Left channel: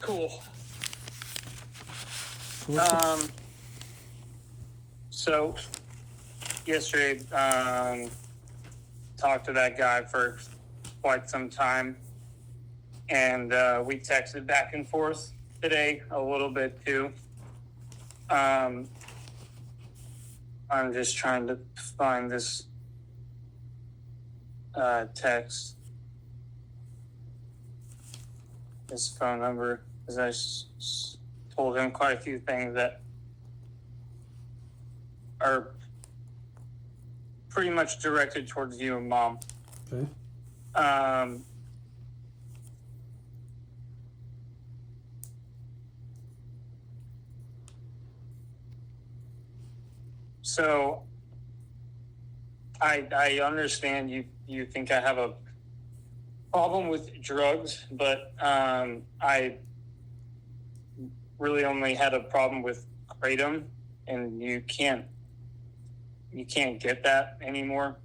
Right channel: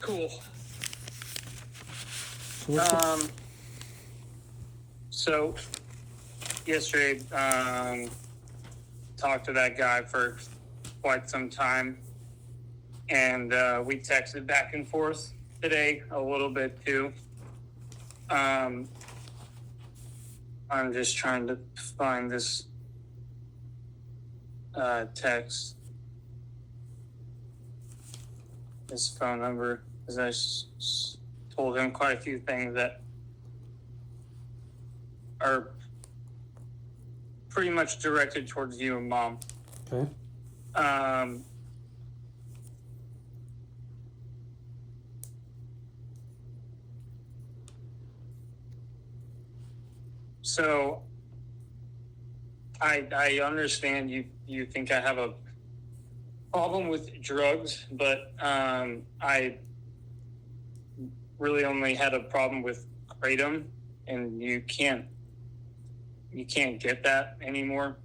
Cool. Yes, So yesterday, talked to that guy for quite some time, and we texted back and forth today a little bit too. I'm just trying to find this text, his phone number, because I told him quite a few things that are pretty much directed towards you and Mom. okay. So I understand you think I have a problem with drugs, but I really only had a problem with kratom, and you can't get that anymore.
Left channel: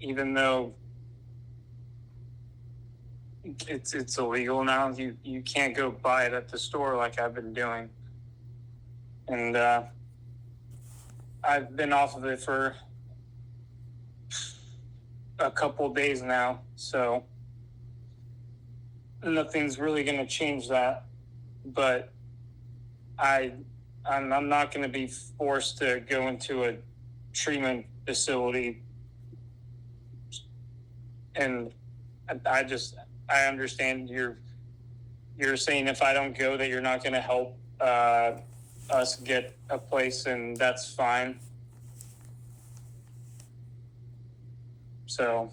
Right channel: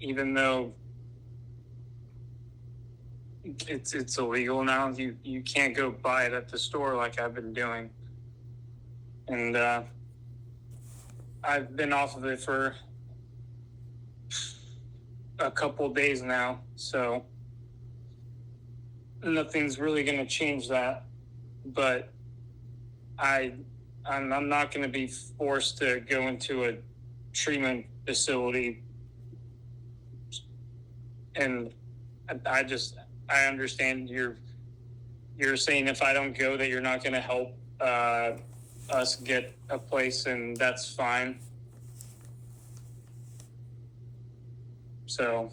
Even though it's illegal now, you can't go buy it at the store like I've been doing, and I've been off of it for a couple days now, so nothing's really going to change that. But I'm not going to be forced to go into a treatment facility, and I understand you're saying if I don't go that you're not going to help us get a place, and that's fine. So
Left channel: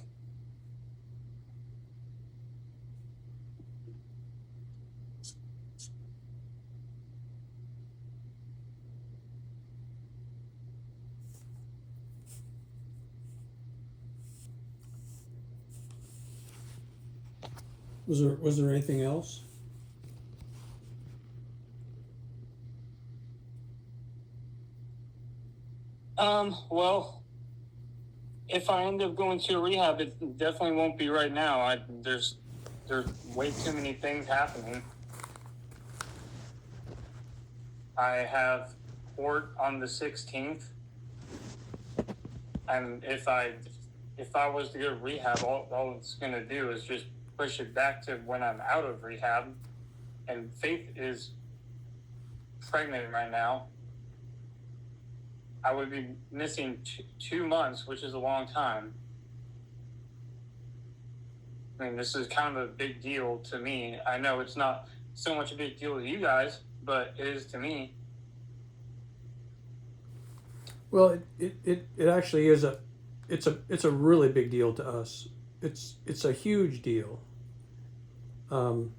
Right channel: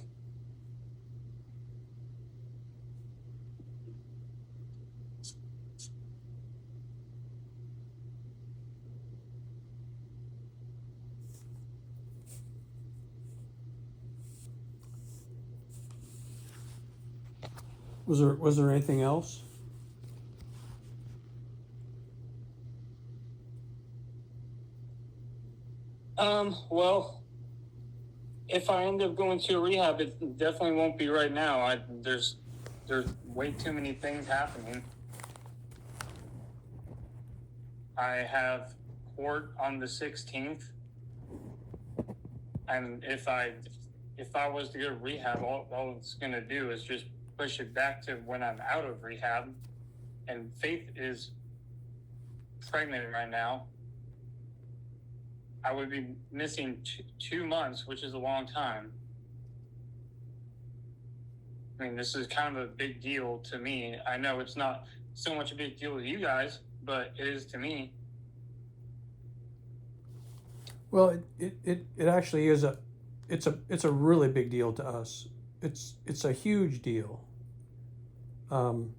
Was there anything else? well, if I end up going to a rehab, it definitely won't be right now. There's way too many things happening. I have court on the 16th, and if I was to go to rehab, all it's going to do is just push it back to when I'm out of rehab. And Faith is pregnant right now. I would be missing 2 months, which is a long time. I mean, this is kind of a big deal to me. I know it's not so much a big deal to you guys, but it is to me. Well, it actually is it's a really big deal to us. It's a huge deal. You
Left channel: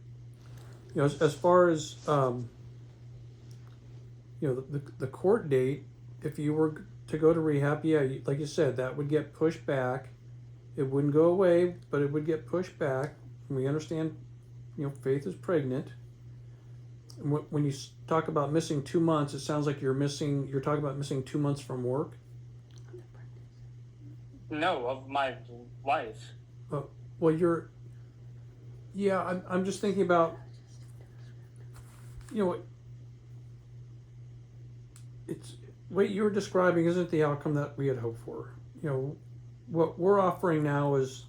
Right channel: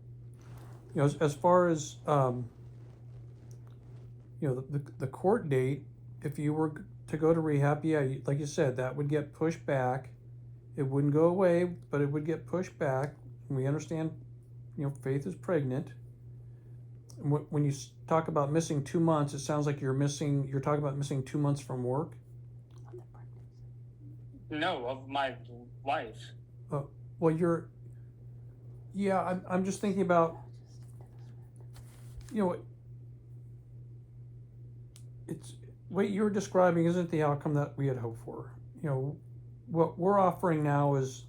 know, as far as you know, the court date, if you were to go to rehab, yeah, like you said, that would get pushed back. It wouldn't go away, but it would get pushed back. And we understand, you know, Faith is pregnant. And when you talk about missing 2 months, it sounds like you're talking about missing 2 months from work. No, of my life. Well, I'm just thinking about, you know, it's what you're describing isn't the outcome that we had hoped for. You know, what we're offering now is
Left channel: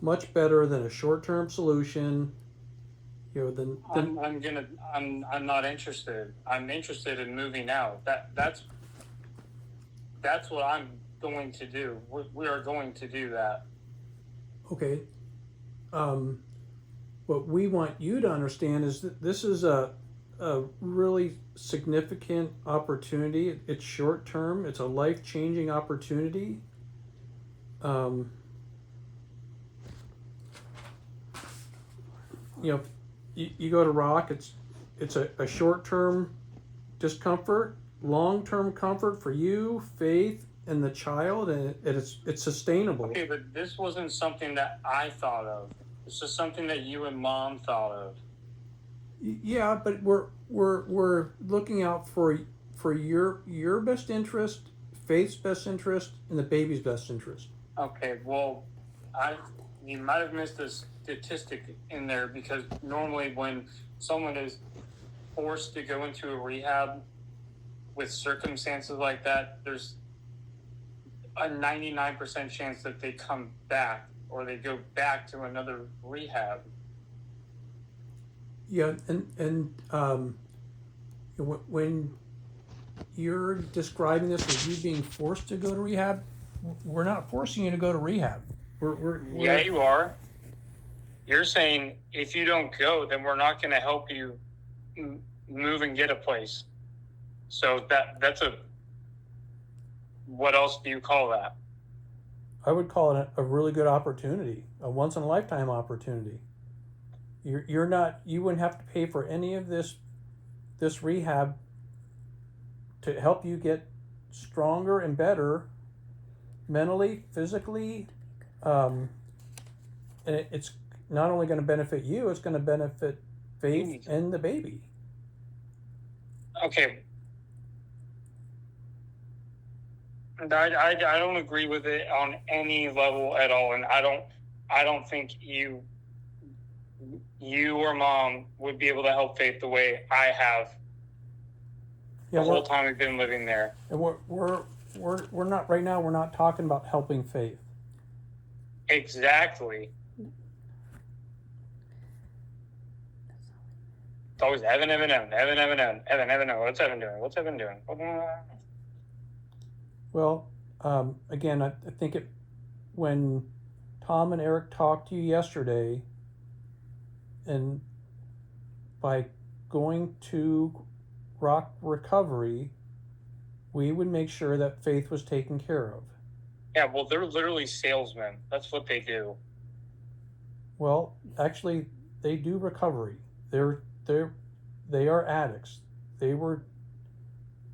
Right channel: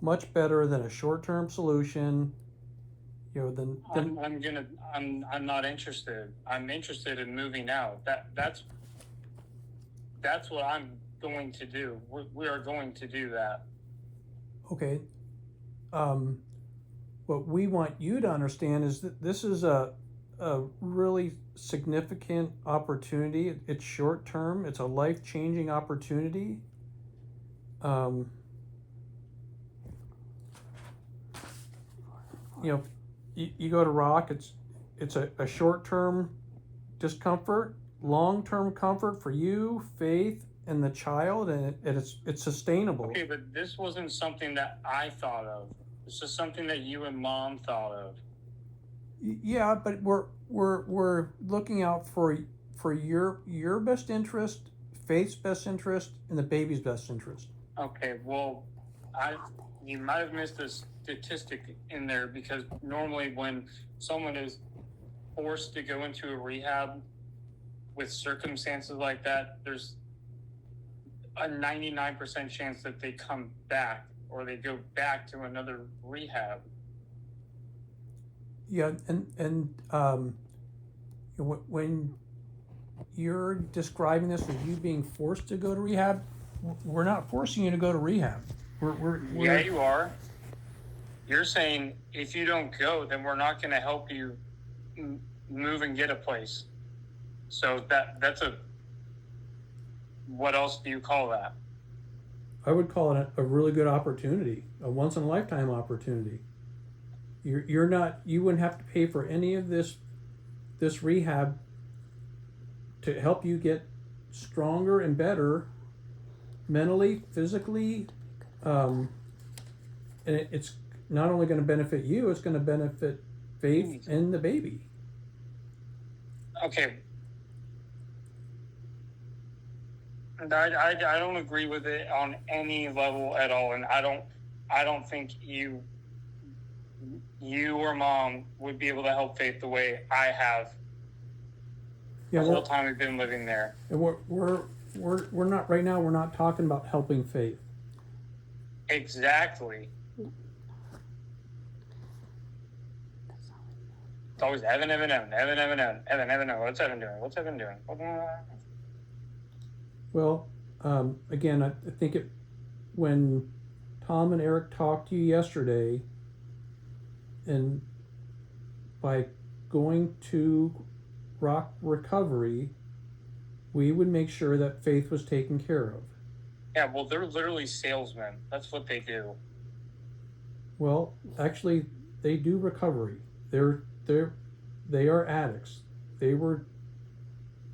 much better than a short-term solution. You know, I'm not interested. I'm interested in moving out. That's what I'm going to do. We are going to do that. Okay. What we want you to understand is that this is a really significant opportunity. It's short term. It's a life-changing opportunity. You know, you go to Rock. It's a short-term discomfort, long-term comfort for you, Faith, and the child, and it's sustainable. Okay, but this wasn't something that I thought of. This is something that you and Mom thought of. Yeah, but we're looking out for your best interest, Faith's best interest, and the baby's best interest. Okay, well, you might have missed a statistic in there, because normally when someone is forced to go into a rehab with circumstances like that, there's a 99% chance that they come back or they go back to another rehab. Yeah, and when you're describing this as you being forced to go to rehab, we're not forcing you to go to rehab. We're Yeah, you are. You're saying if you don't go, then we're not going to help you move and get a place. So that's a, what else do you call that? I would call it a really good opportunity, a once in a lifetime opportunity. You wouldn't have to pay for any of this rehab to help you get stronger and better mentally, physically, and it's not only going to benefit you, it's going to benefit Faith and the baby. Okay. I don't agree with it on any level at all, and I don't think you or Mom would be able to help Faith the way I have. Yeah, the whole time we've been living there. And we're not right now. We're not talking about helping Faith. Exactly. It's always Evan. What's Evan doing? Well, again, I think when Tom and Eric talked to you yesterday, and by going to Rock Recovery, we would make sure that Faith was taken care of. Yeah, well, they're literally salesmen. That's what they do. Well, actually, they do recovery. They are addicts. They were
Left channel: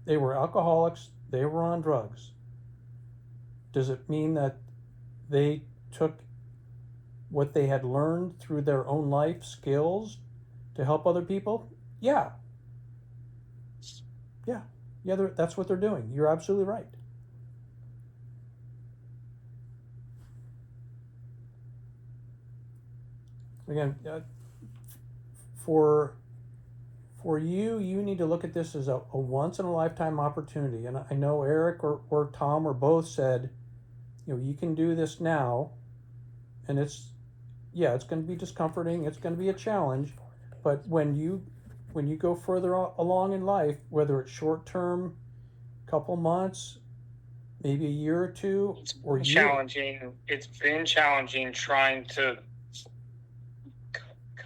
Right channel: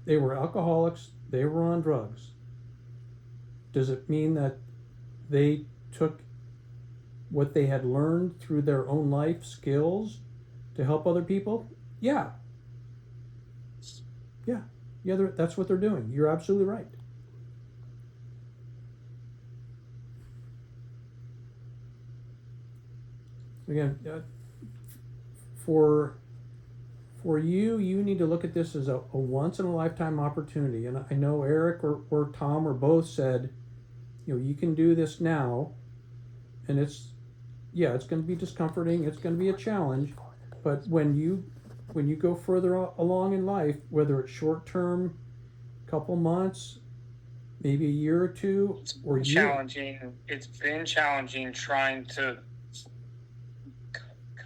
alcoholics. They were on drugs. Does it mean that they took what they had learned through their own life skills to help other people? Yeah. That's what they're doing. You're absolutely right. Again, for you need to look at this as a once in a lifetime opportunity. And I know Eric or Tom or both said, you can do this now, and it's going to be discomforting. It's going to be a challenge, but when you go further along in life, whether it's short term, couple months, maybe a year or two, or challenging. It's been challenging trying to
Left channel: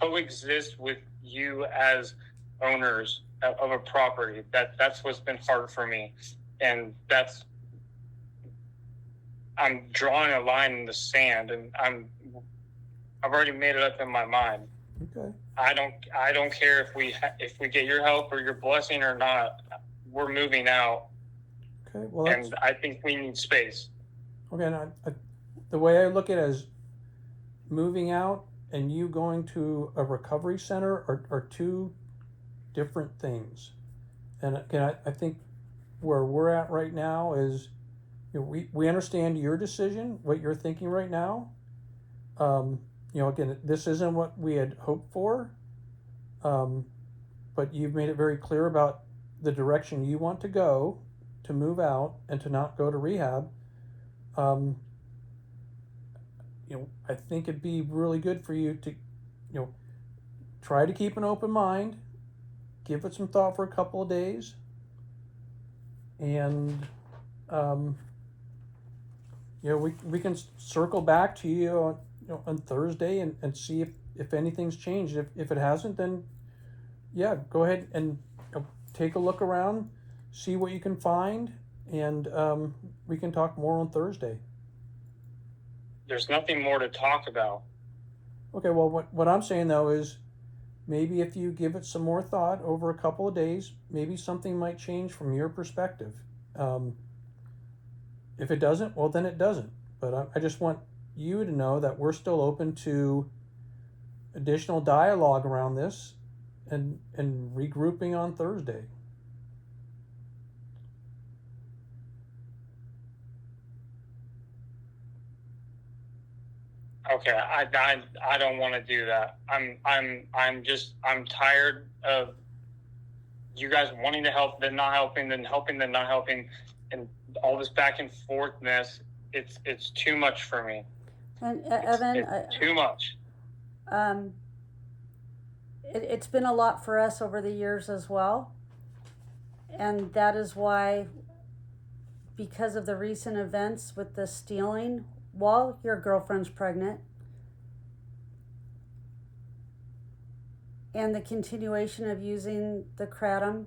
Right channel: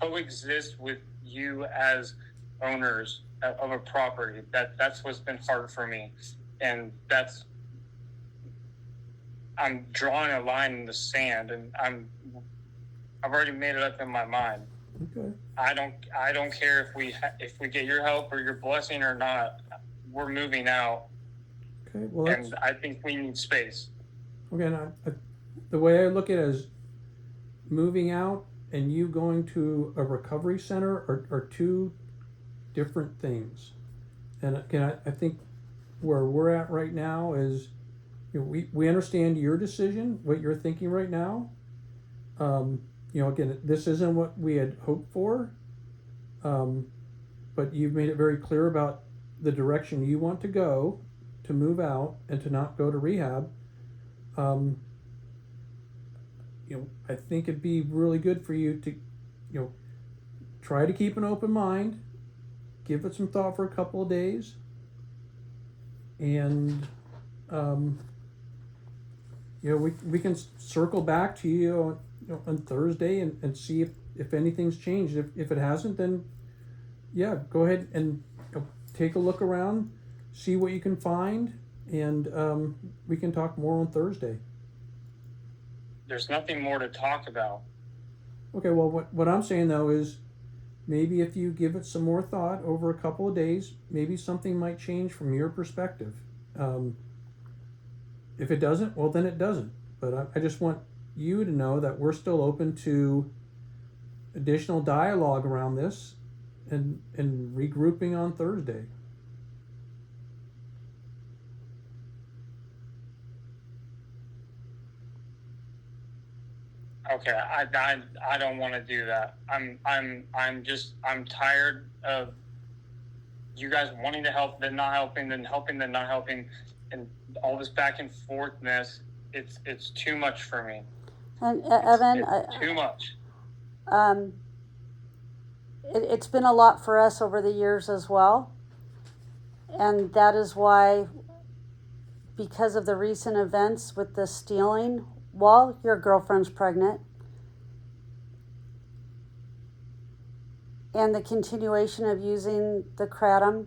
coexist with you as owners of a property. That's what's been hard for me, and I'm drawing a line in the sand, and I've already made it up in my mind. Okay. I don't care if we get your help or your blessing or not. We're moving out. Okay. Well, and I think we need space. Okay. The way I look at it is moving out and you going to a recovery center are two different things. And again, I think where we're at right now is, we understand your decision, what you're thinking right now. Again, this isn't what we had hoped for, but you've made it very clear about the direction you want to go, to move out and to not go to rehab. I think it'd be really good for you to, try to keep an open mind, give it some thought for a couple of days, and we can circle back to you on Thursday and see if anything's changed. If it hasn't, then go ahead and take a look around, see what you can find, and we can talk more on Thursday. There's nothing more to talk about. Okay, well, what I'm saying though is, maybe if you give it some more thought over a couple of days, maybe something might change from your perspective. If it doesn't, well, then it doesn't. But I just want you to know that we're still open to additional dialogue around this and regrouping on Thursday. Okay, to do that. I'm tired of you guys wanting to help, then not helping, then helping, then not helping, and all this back and forthness. It's too much for me. And Evan, it's too much. It's been a lot for us over the years as well. And that is why, because of the recent events with the stealing while your girlfriend's pregnant, and the continuation of using the kratom,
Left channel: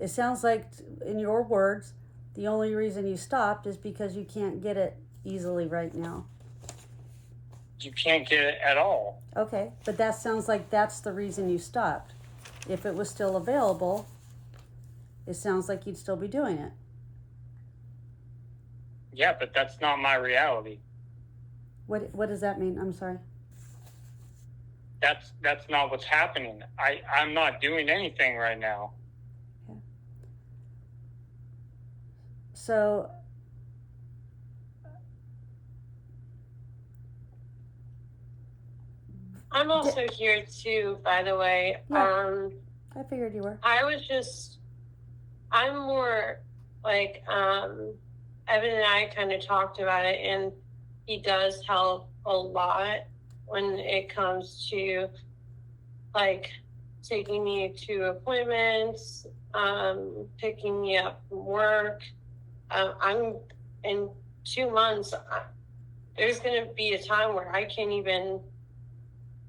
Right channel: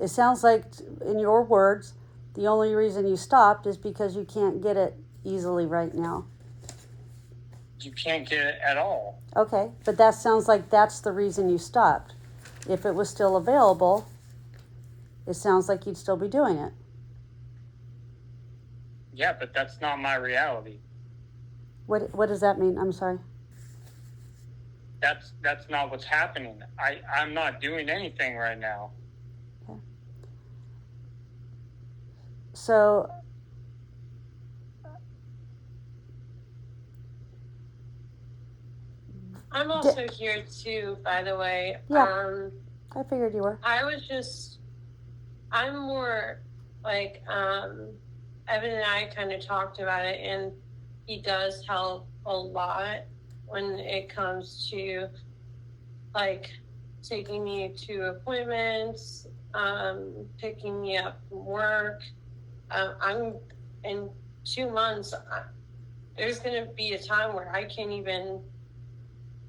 it sounds like, in your words, the only reason you stopped is because you can't get it easily right now. You can't get it at all. Okay, but that sounds like that's the reason you stopped. If it was still available, it sounds like you'd still be doing it. Yeah, but that's not my reality. What does that mean? I'm sorry. That's not what's happening. I'm not doing anything right now. Okay. So I'm also here too, by the way. Yeah. I figured you were. I'm more like, Evan and I kind of talked about it, and he does help a lot when it comes to like taking me to appointments, picking me up from work. I'm in 2 months. There's going to be a time where I can't even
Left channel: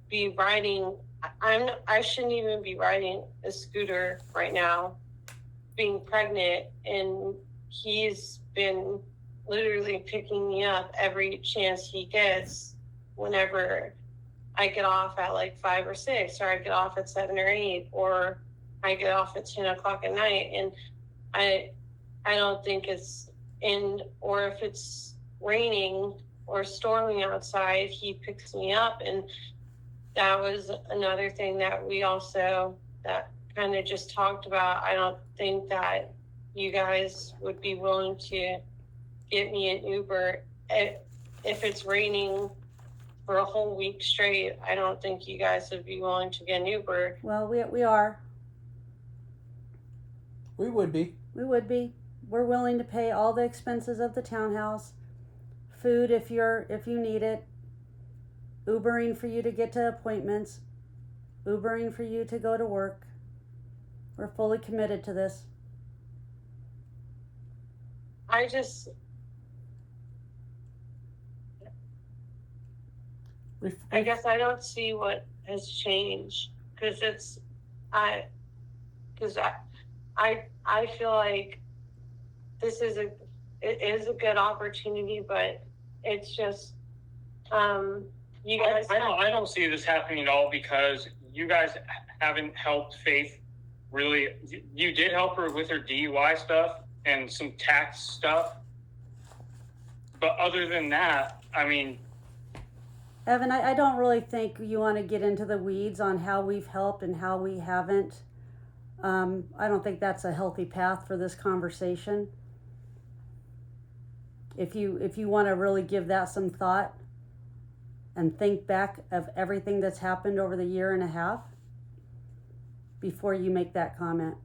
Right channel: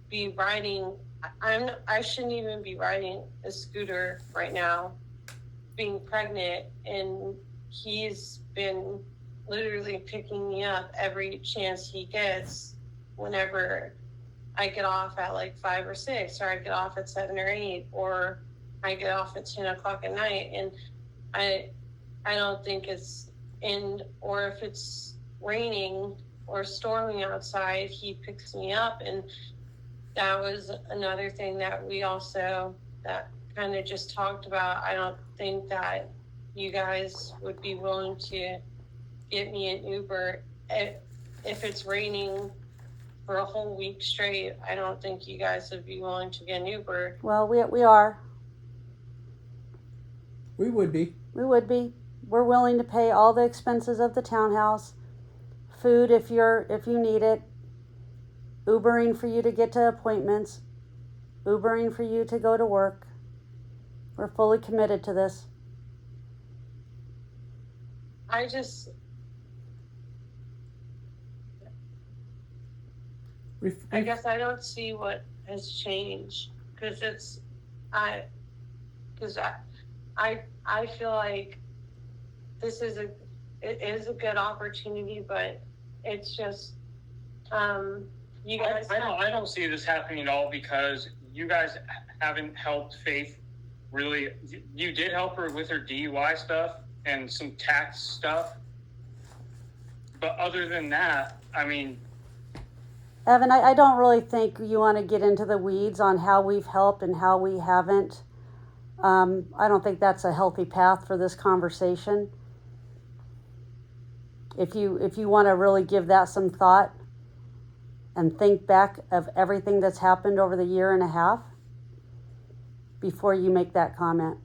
be riding. I shouldn't even be riding a scooter right now, being pregnant, and he's been literally picking me up every chance he gets whenever I get off at like 5 or 6, or I get off at 7 or 8, or I get off at 10 o'clock at night. And I don't think it's in, or if it's raining or storming outside, he picks me up. And that was another thing that we also that kind of just talked about. I don't think that you guys would be willing to get me an Uber if it's raining for a whole week straight. I don't think you guys would be willing to get an Uber. Well, we are. We would be. We would be. We're willing to pay all the expenses of the townhouse, food if you need it, Ubering for you to get to appointments, Ubering for you to go to work. We're fully committed to this. I guess I don't see what has changed, because I feel like it is a good opportunity, but it's just you guys. I don't see this happening at all, because you guys haven't helped Faith really. You did help her with her DUI stuff and some tax stuff, but other than that, I mean. Evan, I don't really think you want to get into the weeds on how we've helped and how we haven't. I don't think that's a healthy path for this conversation. If you want to really give that some thought and think back of everything that's happened over the year and a half before you make that comment.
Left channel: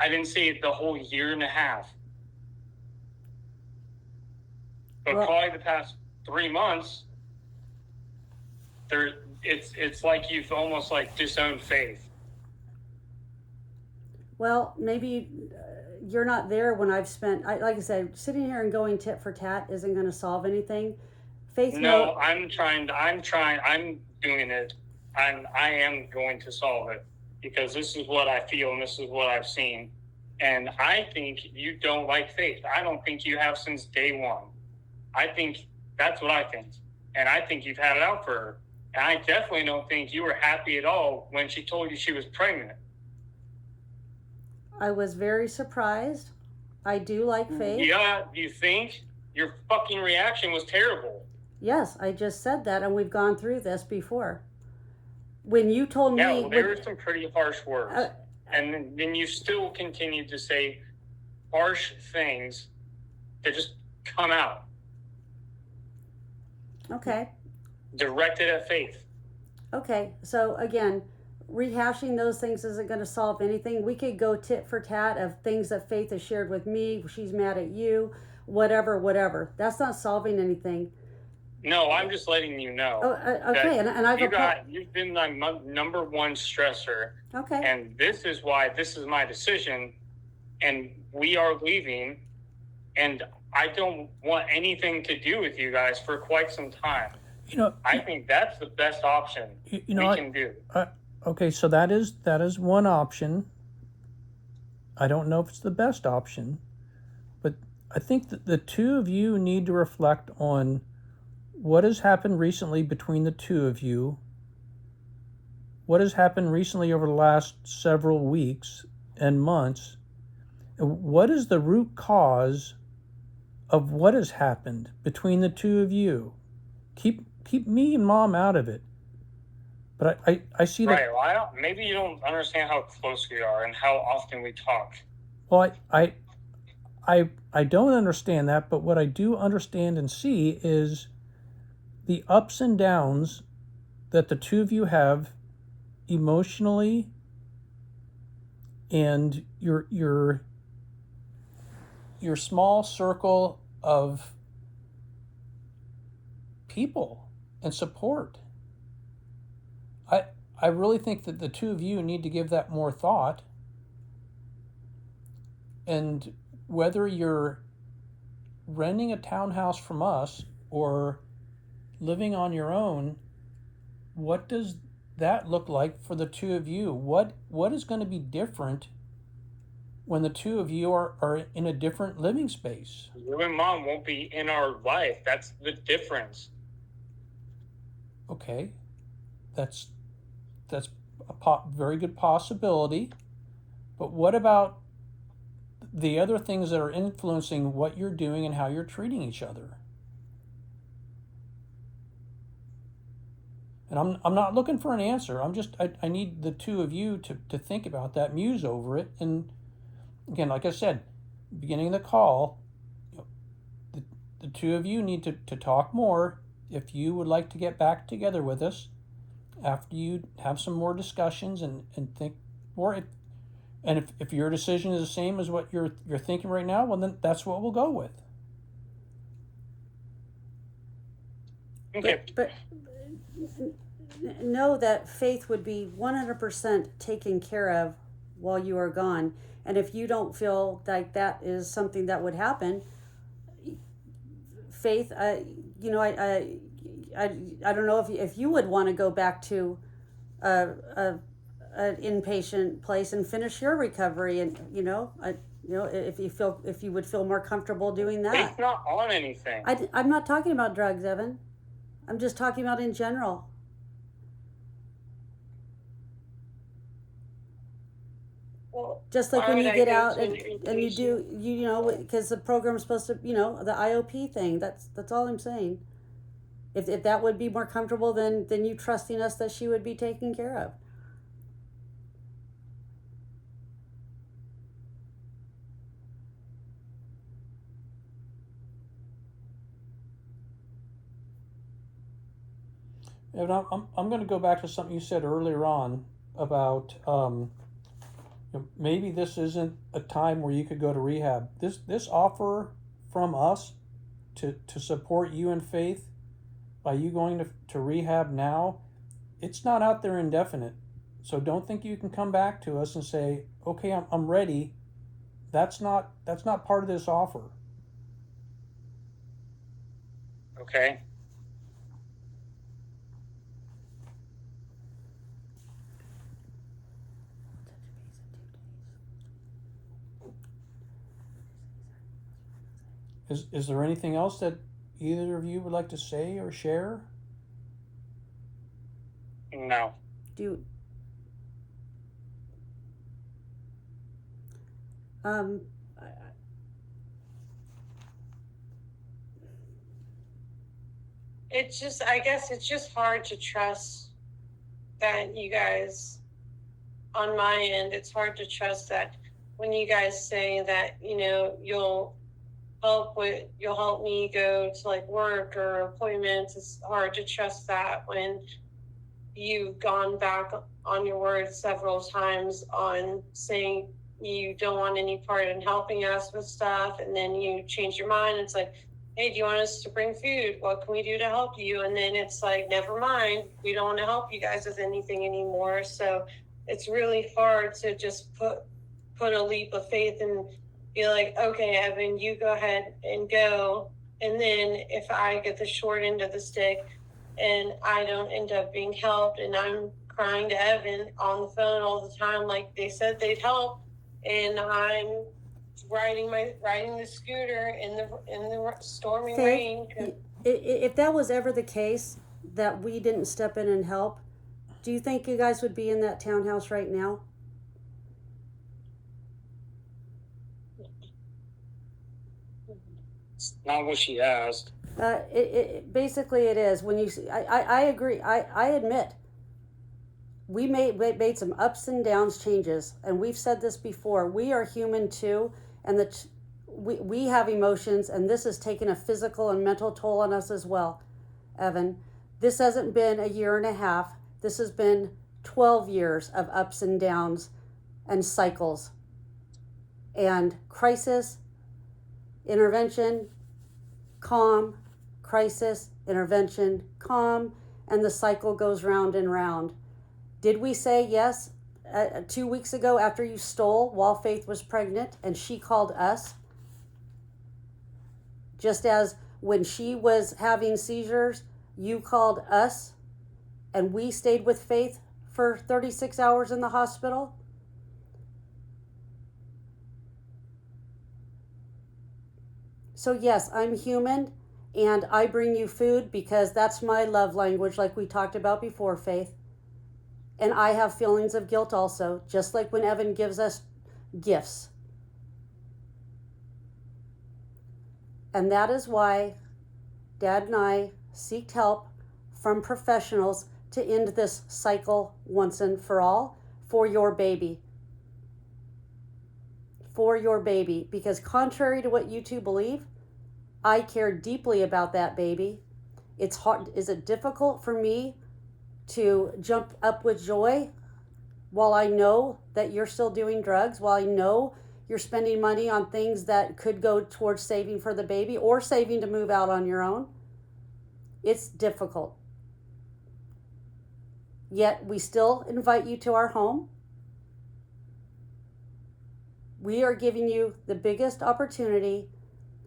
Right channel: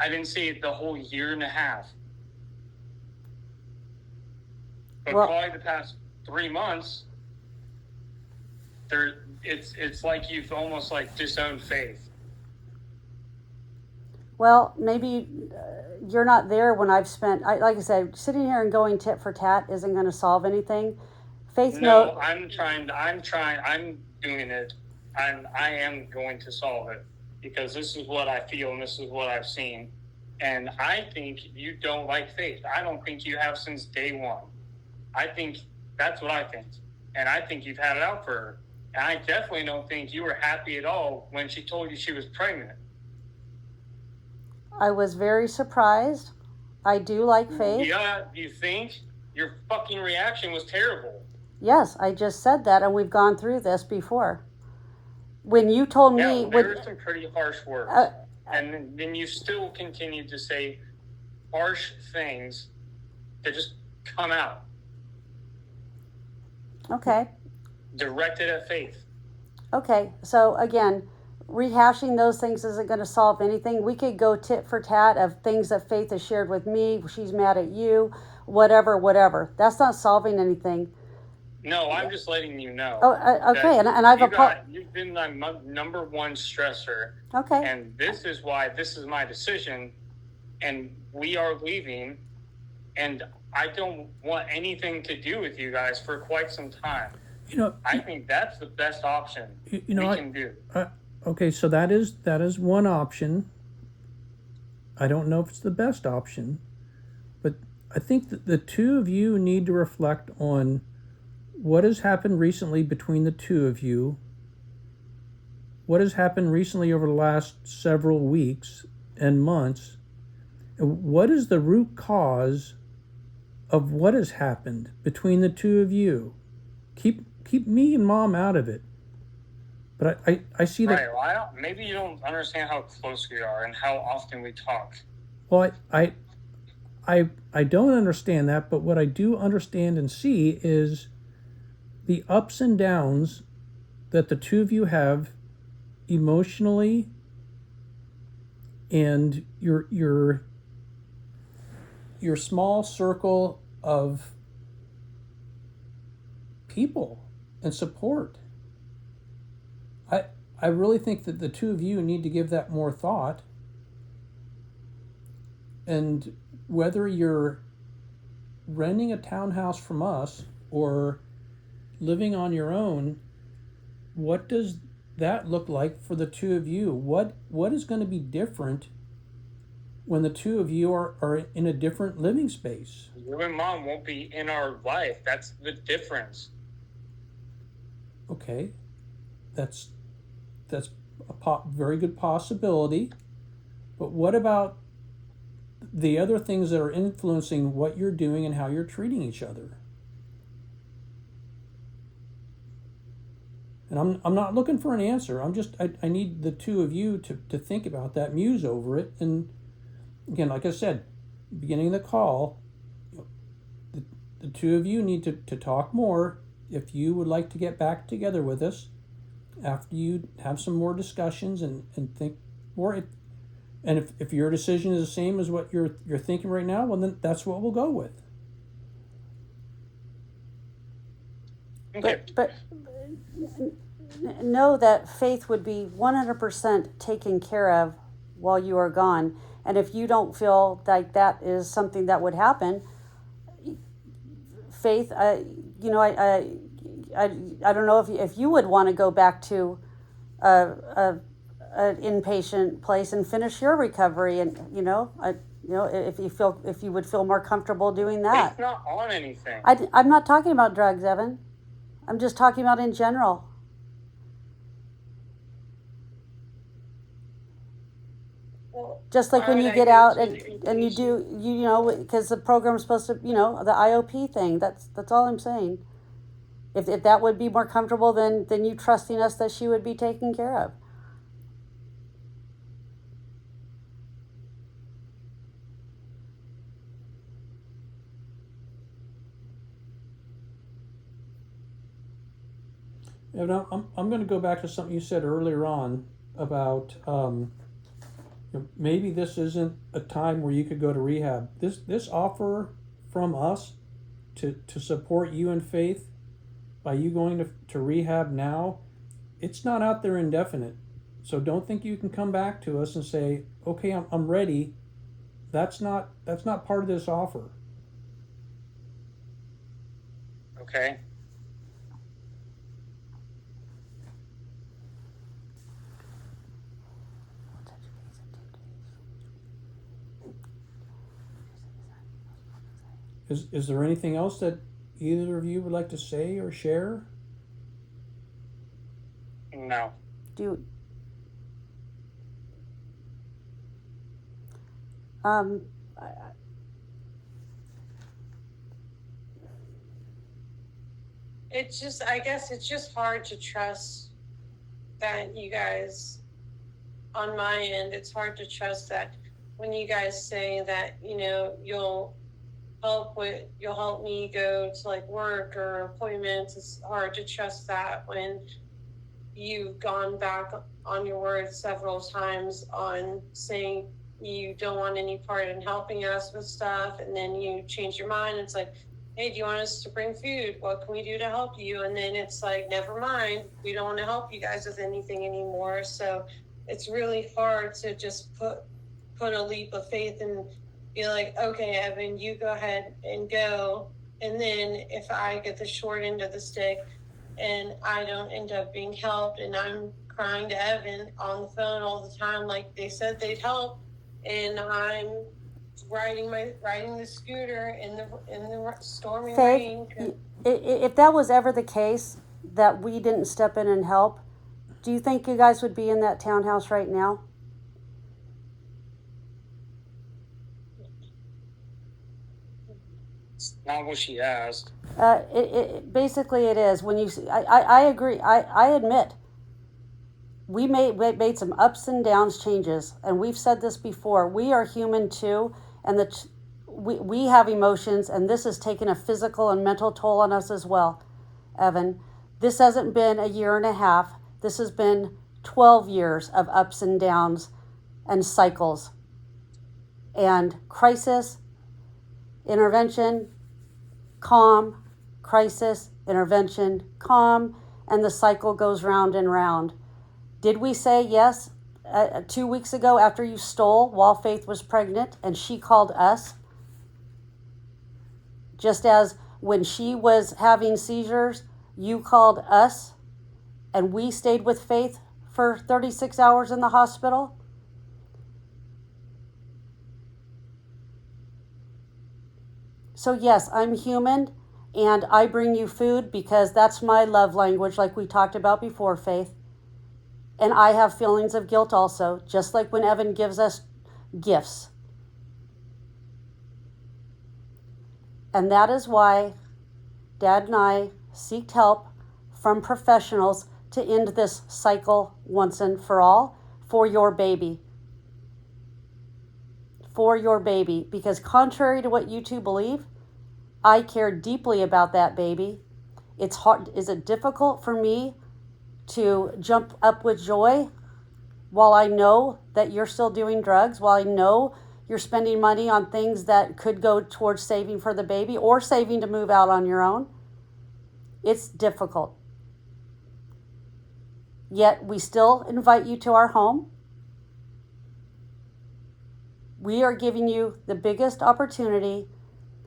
I didn't see it the whole year and a half. But well, probably the past 3 months, it's like you've almost like disowned Faith. Well, maybe you're not there when I've spent. Like I said, sitting here and going tit for tat isn't going to solve anything. Faith, no, I'm doing it. I am going to solve it, because this is what I feel and this is what I've seen. And I think you don't like Faith. I don't think you have since day one. I think that's what I think. And I think you've had it out for her. And I definitely don't think you were happy at all when she told you she was pregnant. I was very surprised. I do like Faith. Yeah, you think? Your fucking reaction was terrible. Yes, I just said that, and we've gone through this before. When you told me... there were some pretty harsh words. And then you still continued to say harsh things that just come out. Okay. directed at Faith. Okay. So again, rehashing those things isn't going to solve anything. We could go tit for tat of things that Faith has shared with me. She's mad at you, whatever. That's not solving anything. No, I'm just letting you know. Oh, okay. And I've you've been my number one stressor. Okay. And this is why this is my decision. And we are leaving. And I don't want anything to do with you guys for quite some time. You know, I think that's the best option you know, we can do. okay, so that is one option. I don't know if it's the best option, but I think that the two of you need to reflect on what has happened recently between the two of you. What has happened recently over the last several weeks and months? And what is the root cause of what has happened between the two of you? Keep me and Mom out of it. But I see that. Right, well, maybe you don't understand how close we are and how often we talk. Well, I don't understand that, but what I do understand and see is the ups and downs that the two of you have emotionally, and your small circle of people and support. I really think that the two of you need to give that more thought. And whether you're renting a townhouse from us or living on your own, what does that look like for the two of you? What is going to be different when the two of you are in a different living space? You and Mom won't be in our life. That's the difference. Okay, that's a very good possibility. But what about the other things that are influencing what you're doing and how you're treating each other? And I'm not looking for an answer. I need the two of you to think about that, muse over it. And again, like I said, beginning of the call, the two of you need to talk more. If you would like to get back together with us after you have some more discussions and think more, if your decision is the same as what you're thinking right now, well, then that's what we'll go with. Okay. But know that Faith would be 100% taken care of while you are gone. And if you don't feel like that is something that would happen, Faith, I don't know if you would want to go back to an inpatient place and finish your recovery, and if you would feel more comfortable doing that. It's not on anything. I'm not talking about drugs, Evan. I'm just talking about in general. Just like when you get out and you do, because the program's supposed to, the IOP thing, that's all I'm saying. If that would be more comfortable than you trusting us that she would be taken care of. And I'm going to go back to something you said earlier on about maybe this isn't a time where you could go to rehab. This offer from us to support you in Faith by you going to rehab now, it's not out there indefinite. So don't think you can come back to us and say, okay, I'm ready. That's not part of this offer. Okay. Is there anything else that either of you would like to say or share? No. I guess it's just hard to trust that you guys, on my end, it's hard to trust that when you guys say that, you'll help with, you'll help me go to like work or appointments. It's hard to trust that when you've gone back on your word several times on saying you don't want any part in helping us with stuff, and then you change your mind. It's like, hey, do you want us to bring food? What can we do to help you? And then it's like, never mind, we don't want to help you guys with anything anymore. So it's really hard to just put a leap of faith and be like, okay, Evan, you go ahead and go. And then if I get the short end of the stick and I don't end up being helped, and I'm crying to Evan on the phone all the time, like they said they'd help, and I'm riding the scooter in the stormy Faith, rain. if that was ever the case, that we didn't step in and help, do you think you guys would be in that townhouse right now? It's not what she asked. Basically it is. When you, I agree. I admit we made some ups and downs changes, and we've said this before. We are human too, and we have emotions, and this has taken a physical and mental toll on us as well, Evan. This hasn't been a year and a half. This has been 12 years of ups and downs and cycles and crisis, intervention, calm, crisis, intervention, calm, and the cycle goes round and round. Did we say yes 2 weeks ago after you stole while Faith was pregnant and she called us? Just as when she was having seizures, you called us and we stayed with Faith for 36 hours in the hospital? So yes, I'm human, and I bring you food because that's my love language, like we talked about before, Faith. And I have feelings of guilt also, just like when Evan gives us gifts. And that is why Dad and I seeked help from professionals to end this cycle once and for all for your baby. For your baby, because contrary to what you two believe, I care deeply about that baby. It's hard. Is it difficult for me to jump up with joy while I know that you're still doing drugs, while I know you're spending money on things that could go towards saving for the baby or saving to move out on your own? It's difficult. Yet we still invite you to our home. We are giving you the biggest opportunity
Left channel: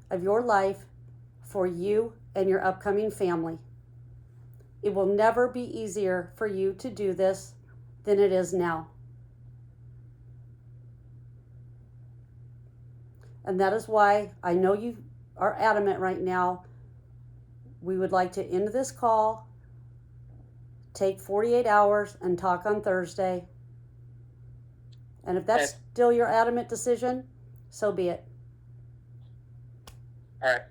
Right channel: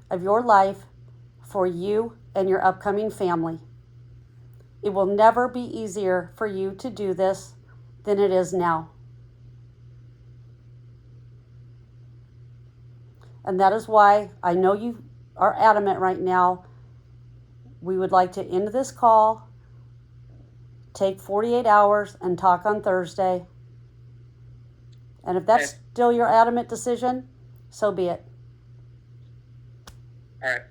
of your life for you and your upcoming family. It will never be easier for you to do this than it is now. And that is why I know you are adamant right now. We would like to end this call, take 48 hours, and talk on Thursday. And if that's still your adamant decision, so be it. All right.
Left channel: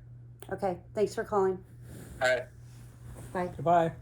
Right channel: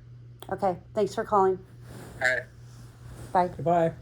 Okay, thanks for calling. All right. Bye. Goodbye.